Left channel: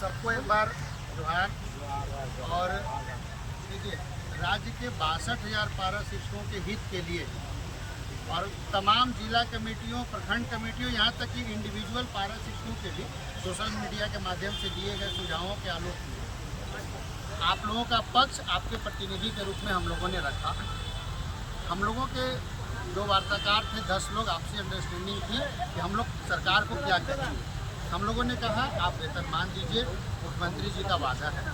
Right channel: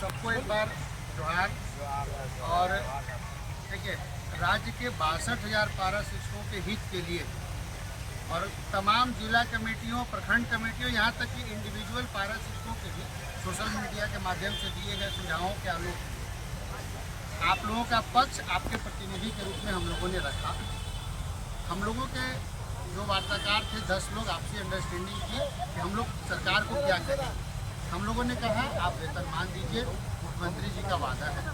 सबको एक बार जोहार। और देखिए, राज्य के 62,000 पारा शिक्षकों के हित के लिए और तमाम जिला कमेटियों, प्रखंड कमेटियों, यहाँ तक कि इंडिविजुअल पारा शिक्षकों के भी सोशल मीडिया के माध्यम से दिए गए सुझावों के आलोक में आप लोगों का पक्ष आपके प्रतिनिधि के रूप में हम लोगों ने रखा। हम लोगों के जो वार्ताकार थे 10 लोग, आपसी अंडरस्टैंडिंग थी कि हम लोग सरकार को क्या कहेंगे। हम लोगों ने कहा आप वेतनमान दीजिए, मुख्यमंत्री जी का वादा है।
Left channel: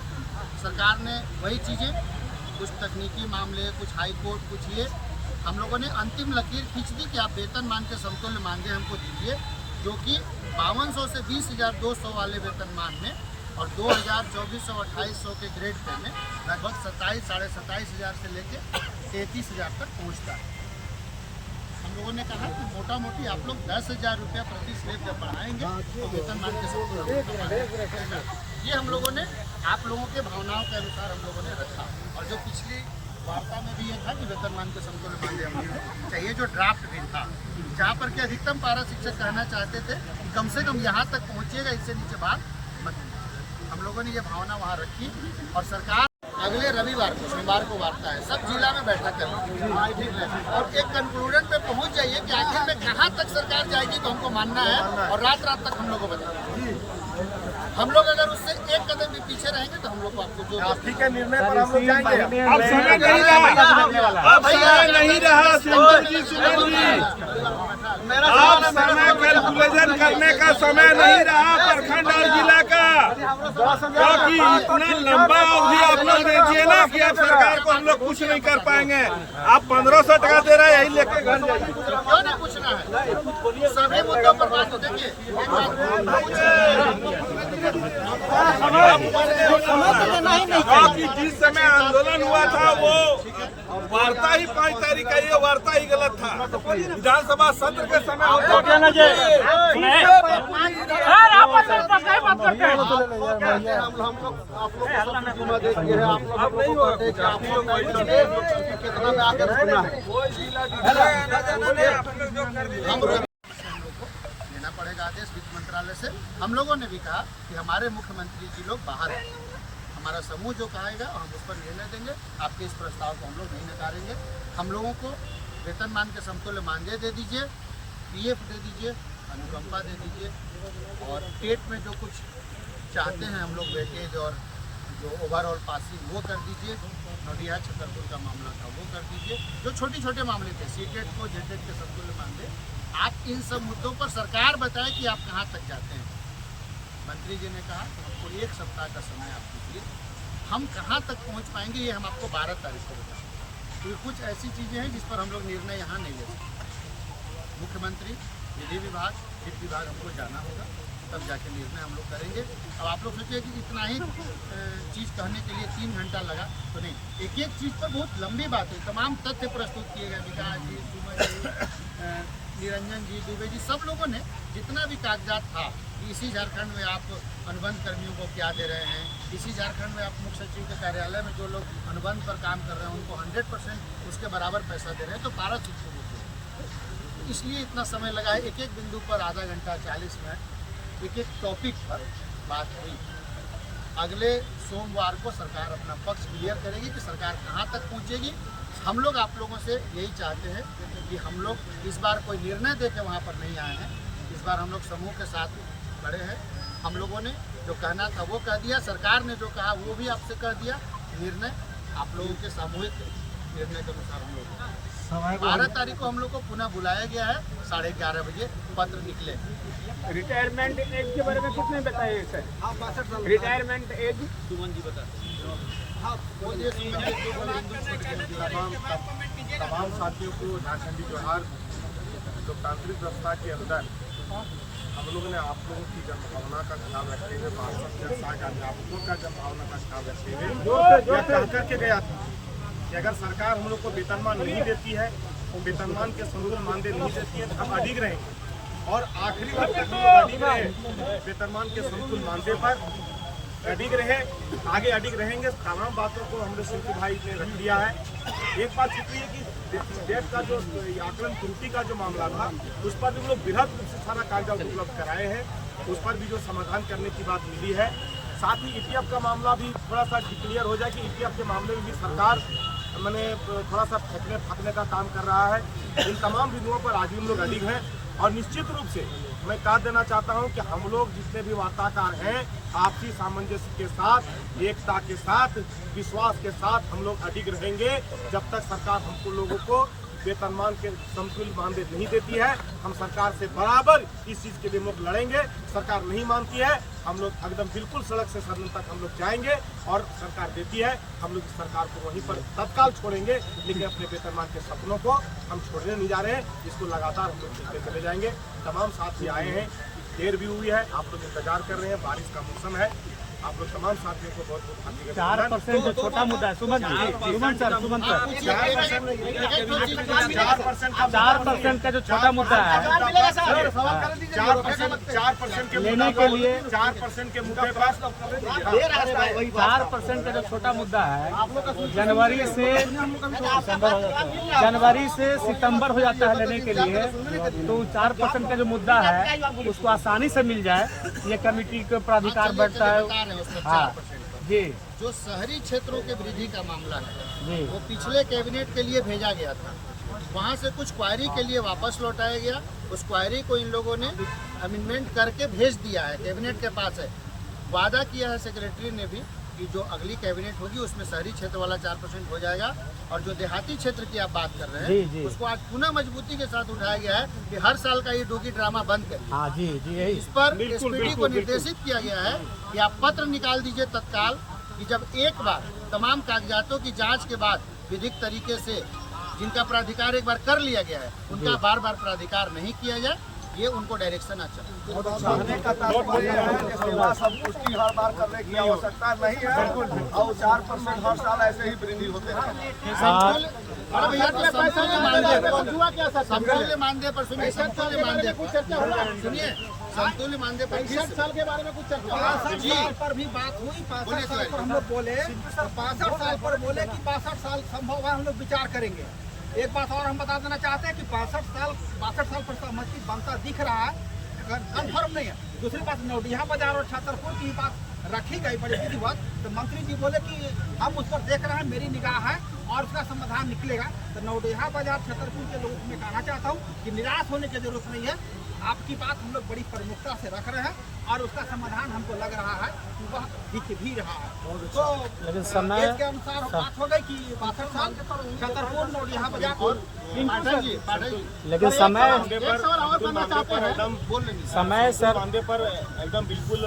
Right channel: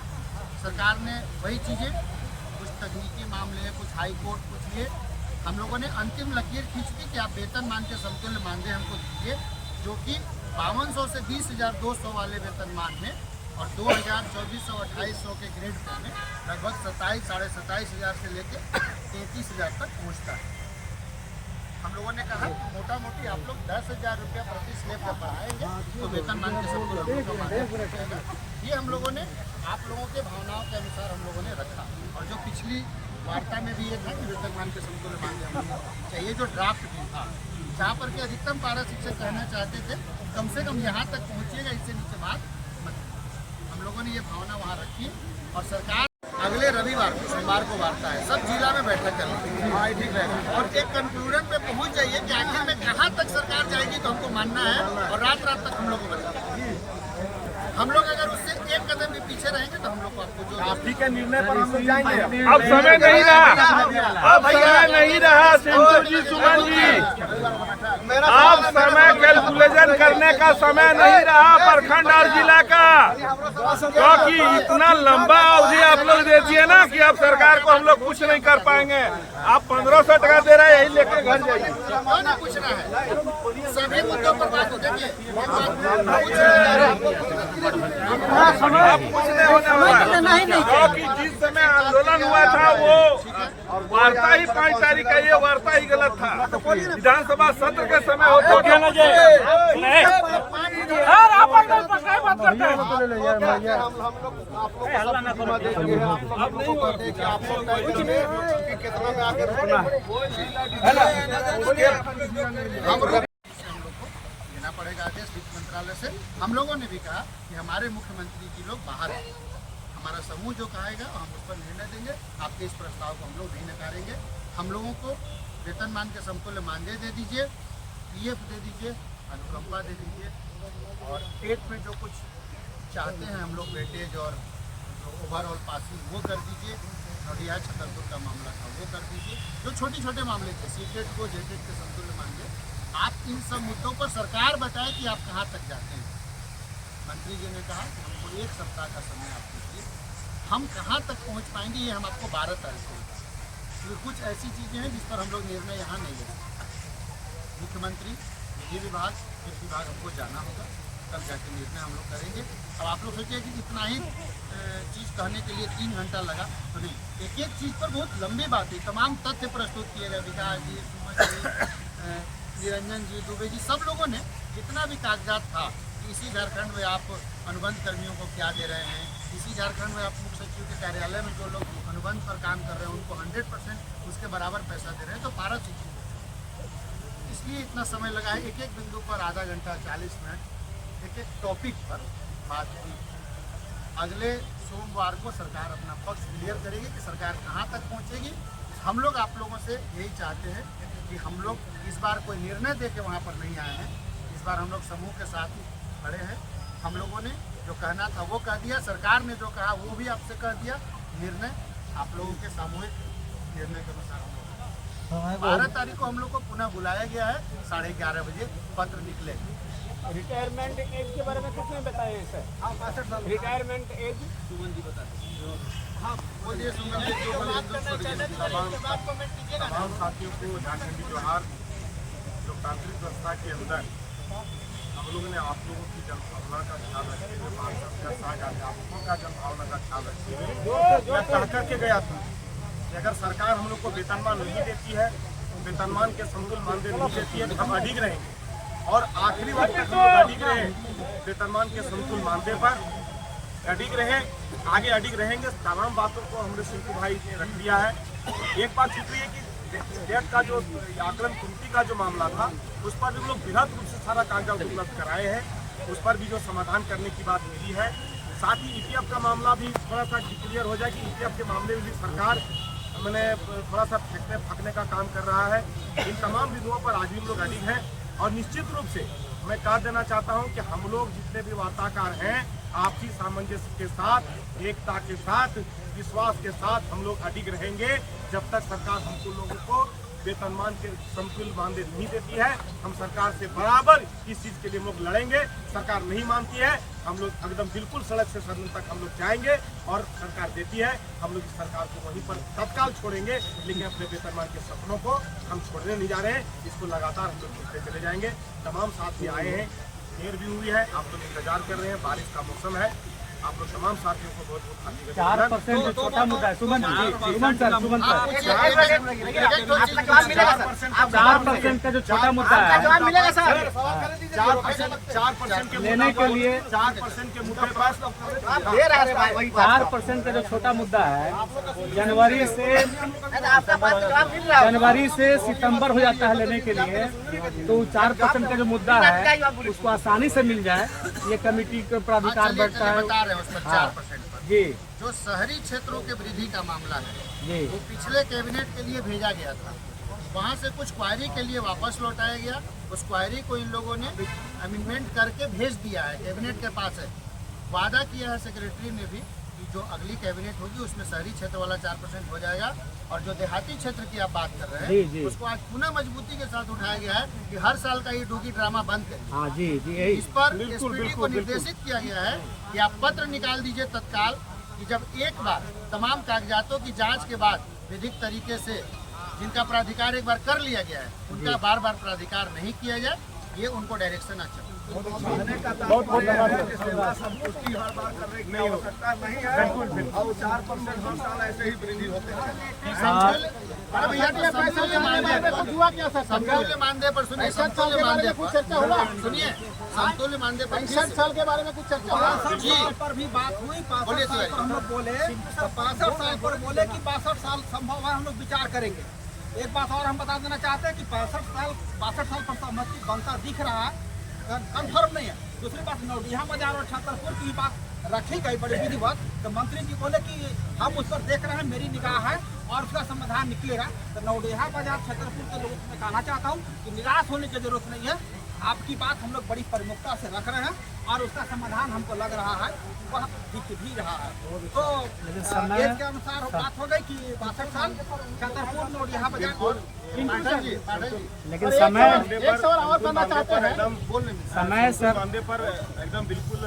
सरकार ने वही चीज़ें, कुछ तकनीकी मामले, कुछ हाई कोर्ट, कुछ ये, हम लोगों ने अंतिम लकीर खींच दी कि आप वेतनमान के समतुल्य मानदेय हमको दीजिए, जो कि 5200 से 20,200 वाले वेतनमान में और 2,000, 2,400, 2,800 के ग्रेड पे में लगभग 27, 27,500 से लेके 33,000 तक पहुंचता है। हम लोगों ने कहा कि मोटा मोटी आप लोग 10,000 रुपया प्रति स्लेब पे बढ़ाएंगे तो वेतनमान के समतुल्य हम लोग का मानदेय रहेगा। ये हम लोगों ने आप लोगों के भावनाओं के अनुसार हम लोगों ने रखा। और जो पिछली वार्ता में भी ये था कि वेतनमान के समतुल्य मानदेय हम लोग को चाहिए, जो ड्राफ्ट बिल था, जहाँ पर कि अधिकतम पारा शिक्षक कहना चाहते थे कम से कम यहाँ तक पहुँचिएगा, इससे नीचे बात मत। हम लोगों ने ये भावना वहाँ रखी और सरकार अगले रविवार को, सोमवार को वार्ता है, सब जिला में बैठक कर ली और एक कंक्लूजन पे पहुंच जाइए कि आखिर में कहां तक सरकार जाएगी तो हमको मानना है और रात रात तक हम लोग को बताना। हम लोग अगर उससे एक कदम भी पीछे रहेंगे तो हम लोग को आपको जो आप ठीक है निर्णय पर हम लोग जाएंगे। अब समय नहीं रहा, अब समय नहीं रहा सुमन जी, अब समय कैलकुलेशन करने का समय नहीं रहा प्रखंड और जिला का, क्योंकि इतना लंबा अवधि आप लोग दे दिए ना कि अब सरकार को हम लोग कुछ नहीं कर पाएंगे। आप 1500 टका दे रहे हैं, यही लेकर घर जाइए। क्यों नहीं पूछना है? सभी मुद्दों पर बात देखिए, एक बात कि जिस समय आंदोलन हुआ था वो वार्ता ही 5 तारीख का, ये वार्ता ही गलत था। विधानसभा सत्र के समय होता अब नहीं होगा लेना पड़ेगा आदेश वित्त मंत्रालय से। हम लोगों ने भी कहा कि हमारे मुख्यमंत्री जी लोग बाहर हैं, हमारा समूह जो कहेगा हम उस पर निर्णय देंगे। आपके इस प्रस्ताव को हम लोग नहीं नकारेंगे। हम लोगों को वेतनमान के समतुल्य मानदेय दे दीजिए, पीएफ दे दीजिए, अनुकंपा दे दीजिए और टेट में जो कुछ चाहते हैं हम लोग वेटेज और जो ओवरऑल पासिंग वो कर दीजिए। नोटिया छतरपुर का मामला था वो कर दीजिए। जो छोटे छोटे मामले थे, सीटेट को जेटेट के समतुल्य मानदेय, आप इन सब मुद्दों पर सरकार बताए कि आप कहाँ तक जाते हैं। मंत्री जी ने कहा कि हमको 1 सप्ताह का समय आप दीजिए, हम कहाँ तक पहुँच पाएंगे ये हम आपको 12 तारीख को बताएंगे, क्योंकि कुछ ऐसी चीज़ें हैं जिस पर हम लोग निर्णय यहाँ नहीं ले सकते। मुख्यमंत्री, विधि विभाग, वित्त विभाग हमको जाना होगा, तब जाके निर्णय हम लोग करेंगे। अब आप लोग सोचिए कि इतना ही चीज़ कहने के लिए 3 घंटा लगा तो नहीं, एक एक चीज़ पर बहुत लंबी बात हुई, तमाम तथ्य प्रस्तुत किए गए। विकास जी, सुमन जी, निरंजन जी, दुबे जी, सब लोगों ने जितना भी कागजात था कि इसी झारखंड में आप अनुबंध कर्मियों को क्या दे रहे हैं, इसी झारखंड में आप मुख्य सचिव के कार्यालय में जो लोग अनुबंध पर काम कर रहे हैं उनको 100% उसके बराबर पैसा दे रहे हैं, तो पारा शिक्षकों को इसलिए इतना समय लगा है। एक एक बिंदु पर आधा घंटा, 40 मिनट, एक एक टॉपिक पर बात हुई। अगले सोमवार को सरकार अपना पक्ष क्लियर करेगी कि सरकार कहाँ तक पहुँचेगी। हम लोग आप लोगों से यही चाहते हैं कि हम लोग इस बार कोई निर्णय दे के वहाँ पर नहीं आए हैं। इस बार हम लोग समूह के साथ खड़े हैं। हम लोगों ने जो कहना था वो कह दिया, सरकार ने जो कहा वो भी आपसे कह दिया। निर्णय आप लोगों के सामूहिक निर्णय के अनुसार हम लोग 12 तारीख को हम लोग को पुनः बुलाया गया है। 11:30 बजे पत्र निकले। रिटायरमेंट एज के बारे में कुछ नहीं बताया सर? हाँ, 62 साल रिटायरमेंट एज सुमन जी बताते हैं। हाँ, बोलिए सुमन जी। तमाम साथियों को झारखंडी जोहार। लोकतांत्रिक व्यवस्था के अंदर हम लोगों ने आप लोगों की जनभावना का ख्याल रखते हुए, पार्षद या साझ अध्यापकों का जनभावना का ख्याल रखते हुए यह कह करके गया था कि अगर सरकार हम लोग को वेतनमान नहीं देती है, वेतनमान के समतुल्य मानदेय नहीं देती है, तो हम अडिग रहेंगे और आखिरी वक्त तक हम लोग अडिग रहे वेतनमान के समतुल्य मानदेय पर, अडिग रहे, आगे अडिग रहेंगे। तमाम बातों को हमारे सिंकू भाई ने रख दिया है। एक बात छुपी है कि डेट का जो आकलन त्रुटि का जो मामला था उस पर भी हम लोग बृहद रूप से सारा कागजात उपलब्ध कराए हैं। उस पर भी जो समाधान करने की बात मिली है, साथ ही ईपीएफ का मामला भी थोड़ा सा क्लियर हो जाए कि ईपीएफ के मामले में भी सरकार मैंने थोड़ा सा फेंकने फाकने का काम कर रहा है। इन तमाम बिंदुओं पर आज भी हम लोग अडिग हैं और निश्चित रूप से मैं कह देना चाहता हूं कि हम लोग जितने भी वार्ताकार हैं आपसी सामंजस्य के साथ, एकता के साथ, विश्वास के साथ हम लोग अडिग रहेंगे जब तक सरकार हमको लोगों को वेतनमान के समतुल्य मानदेय नहीं देती है। हम सरकार से बराबर इस चीज के लिए हम लोग लड़ेंगे। सरकार नहीं मानती है, हम लोग एकदम बिल्कुल सड़क से सदन तक हम लोग जाएंगे और सरकार देती है हम लोग इस सरकार को वहीं पर तत्काल छोड़ेंगे, लेकिन अपने वेतनमान के सपनों को हम छोड़ने नहीं जा रहे हैं। इसको लगातार हम लोग खींचते चले जाएंगे। तमाम साथी आए हैं, देर भी हुई है, आप लोग इंतजार कर रहे हैं, बारिश का मौसम है। आप लोग तमाम साथियों को बहुत बहुत हार्दिक अभिनंदन। 4% छोटा मुद्दा है सुमन जी, सुमन सर 4% का जो छोटा मुद्दा है 4% के लेने के लिए 4% के मुद्दे पर 4% का जो छोटा मुद्दा है जनवरी से सितंबर हो जाता है लेने के लिए, तो 4% का जो मुद्दा है उसको आसानी से मिल जाए, ये कमेटी का प्राधिकार बैठता है। बता रहे हैं उसमें 4% पर जी जो शहरी क्षेत्रों के वृद्धि का मामला है जी वो पिछले कैबिनेट के लिए भेजा गया था, वहाँ से कुछ क्वायरी के लिए वापस लौटाया गया। उस क्वायरी को इन लोगों ने अमेंडमेंट करके भेज दिया है, कैबिनेट के पास है। वादा किया है सेक्रेटरी ने भी कि जो अगली कैबिनेट होगी उसमें शहरी क्षेत्र वाला 4% हो जाएगा, और जो देहाती क्षेत्र की आप बात कर रहे जी, हैं जी। उसको आज पुनः मजबूती के साथ उठाया गया है कि हर साल का ये डोगी ड्रामा बंद करिए। हाँ जी जी यही इस पर एसपीडी को निर्देशित किया गया है कि आप पत्र निकाल दीजिए तत्काल कि जब एक बार तमाम कागजातों की जांच के बाद विधिक तरीके से जिनका प्राधिकार एक बार कर लिया गया है उनका बार बार प्राधिकार नहीं किया जाए, ये उनको डायरेक्शन आ चाहिए। चाहने का तात्पर्य है कि सेवा संतुष्टि हर बार करने की आवश्यकता नहीं है और 4% हर साल ऐसे ही वृद्धि होते हैं। समतुल्य मानदेय पर सुनिए, समतुल्य मानदेय पर सुनिए, समतुल्य मानदेय पर 65 साल के बारे में कुछ चर्चा हुआ। 65 साल पर भी बात हुई, 65 बोलिए साल पर हम लोग बोले, तो 65 साल पर बोले कि 62 साल संभव है, हम लोग विचार करेंगे। एक बात और हम बता देना चाहते हैं कि 62 साल पर सहमति बनता दिख रहा है, कंफर्म नहीं है। दूसरी बात, नौडिहा बाजार और छतरपुर की बात रखी गई बड़ी विधिवत, तो मंत्री जी बोले कि हम उस पर देख रहे हैं, मेरी निगाह है और उसका समाधान निकलेगा। तो नौडिहा बाजार छतरपुर के लोगों को मैं कहना चाहता हूँ कि निराश होने की जरूरत नहीं है। आपकी बात हम लोग बड़ी प्रमुखता से रख रहे हैं और उसका समाधान हमको लग रहा है कि वह दिख भी रहा है। तो एक के अनुसार बात हो गई कि 62 साल छतरपुर नौडिहा बाजार और लेकिन समय सर मानदेय पर एकदम बिल्कुल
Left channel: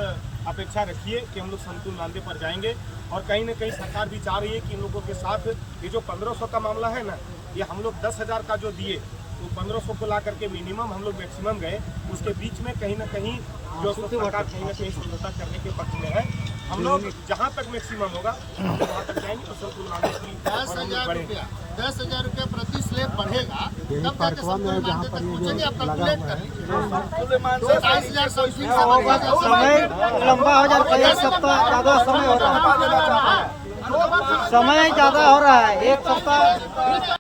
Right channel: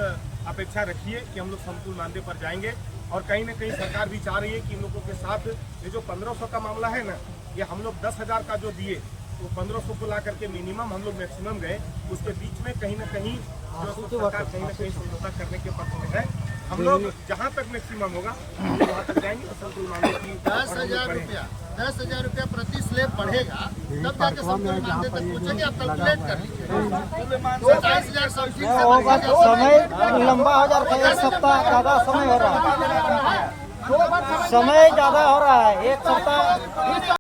अपेक्षा रखिए कि हम लोग समतुल्य मानदेय पर जाएंगे। और कहीं न कहीं सरकार भी चाह रही है कि इन लोगों के साथ ये जो 1500 का मामला है ना, ये हम लोग 10,000 का जो दिए वो 1500 को ला करके मिनिमम हम लोग मैक्सिमम गए, उसके बीच में कहीं ना कहीं जो सरकार कहीं ना कहीं समझौता करने के पक्ष में है। हम लोग जहां तक मैक्सिमम होगा हम लोग वहां तक जाएंगे और समतुल्य मानदेय की 10,000 रुपया प्रति स्लेब बढ़ेगा, तब जाके समतुल्य मानदेय तक पहुंचेंगे। आप कैलकुलेट कर लीजिए, 22,000 समथिंग से बढ़ेगा। लंबा हो जाता है, एक सप्ताह ज्यादा समय हो रहा है, समय ज्यादा हो रहा है, एक सप्ताह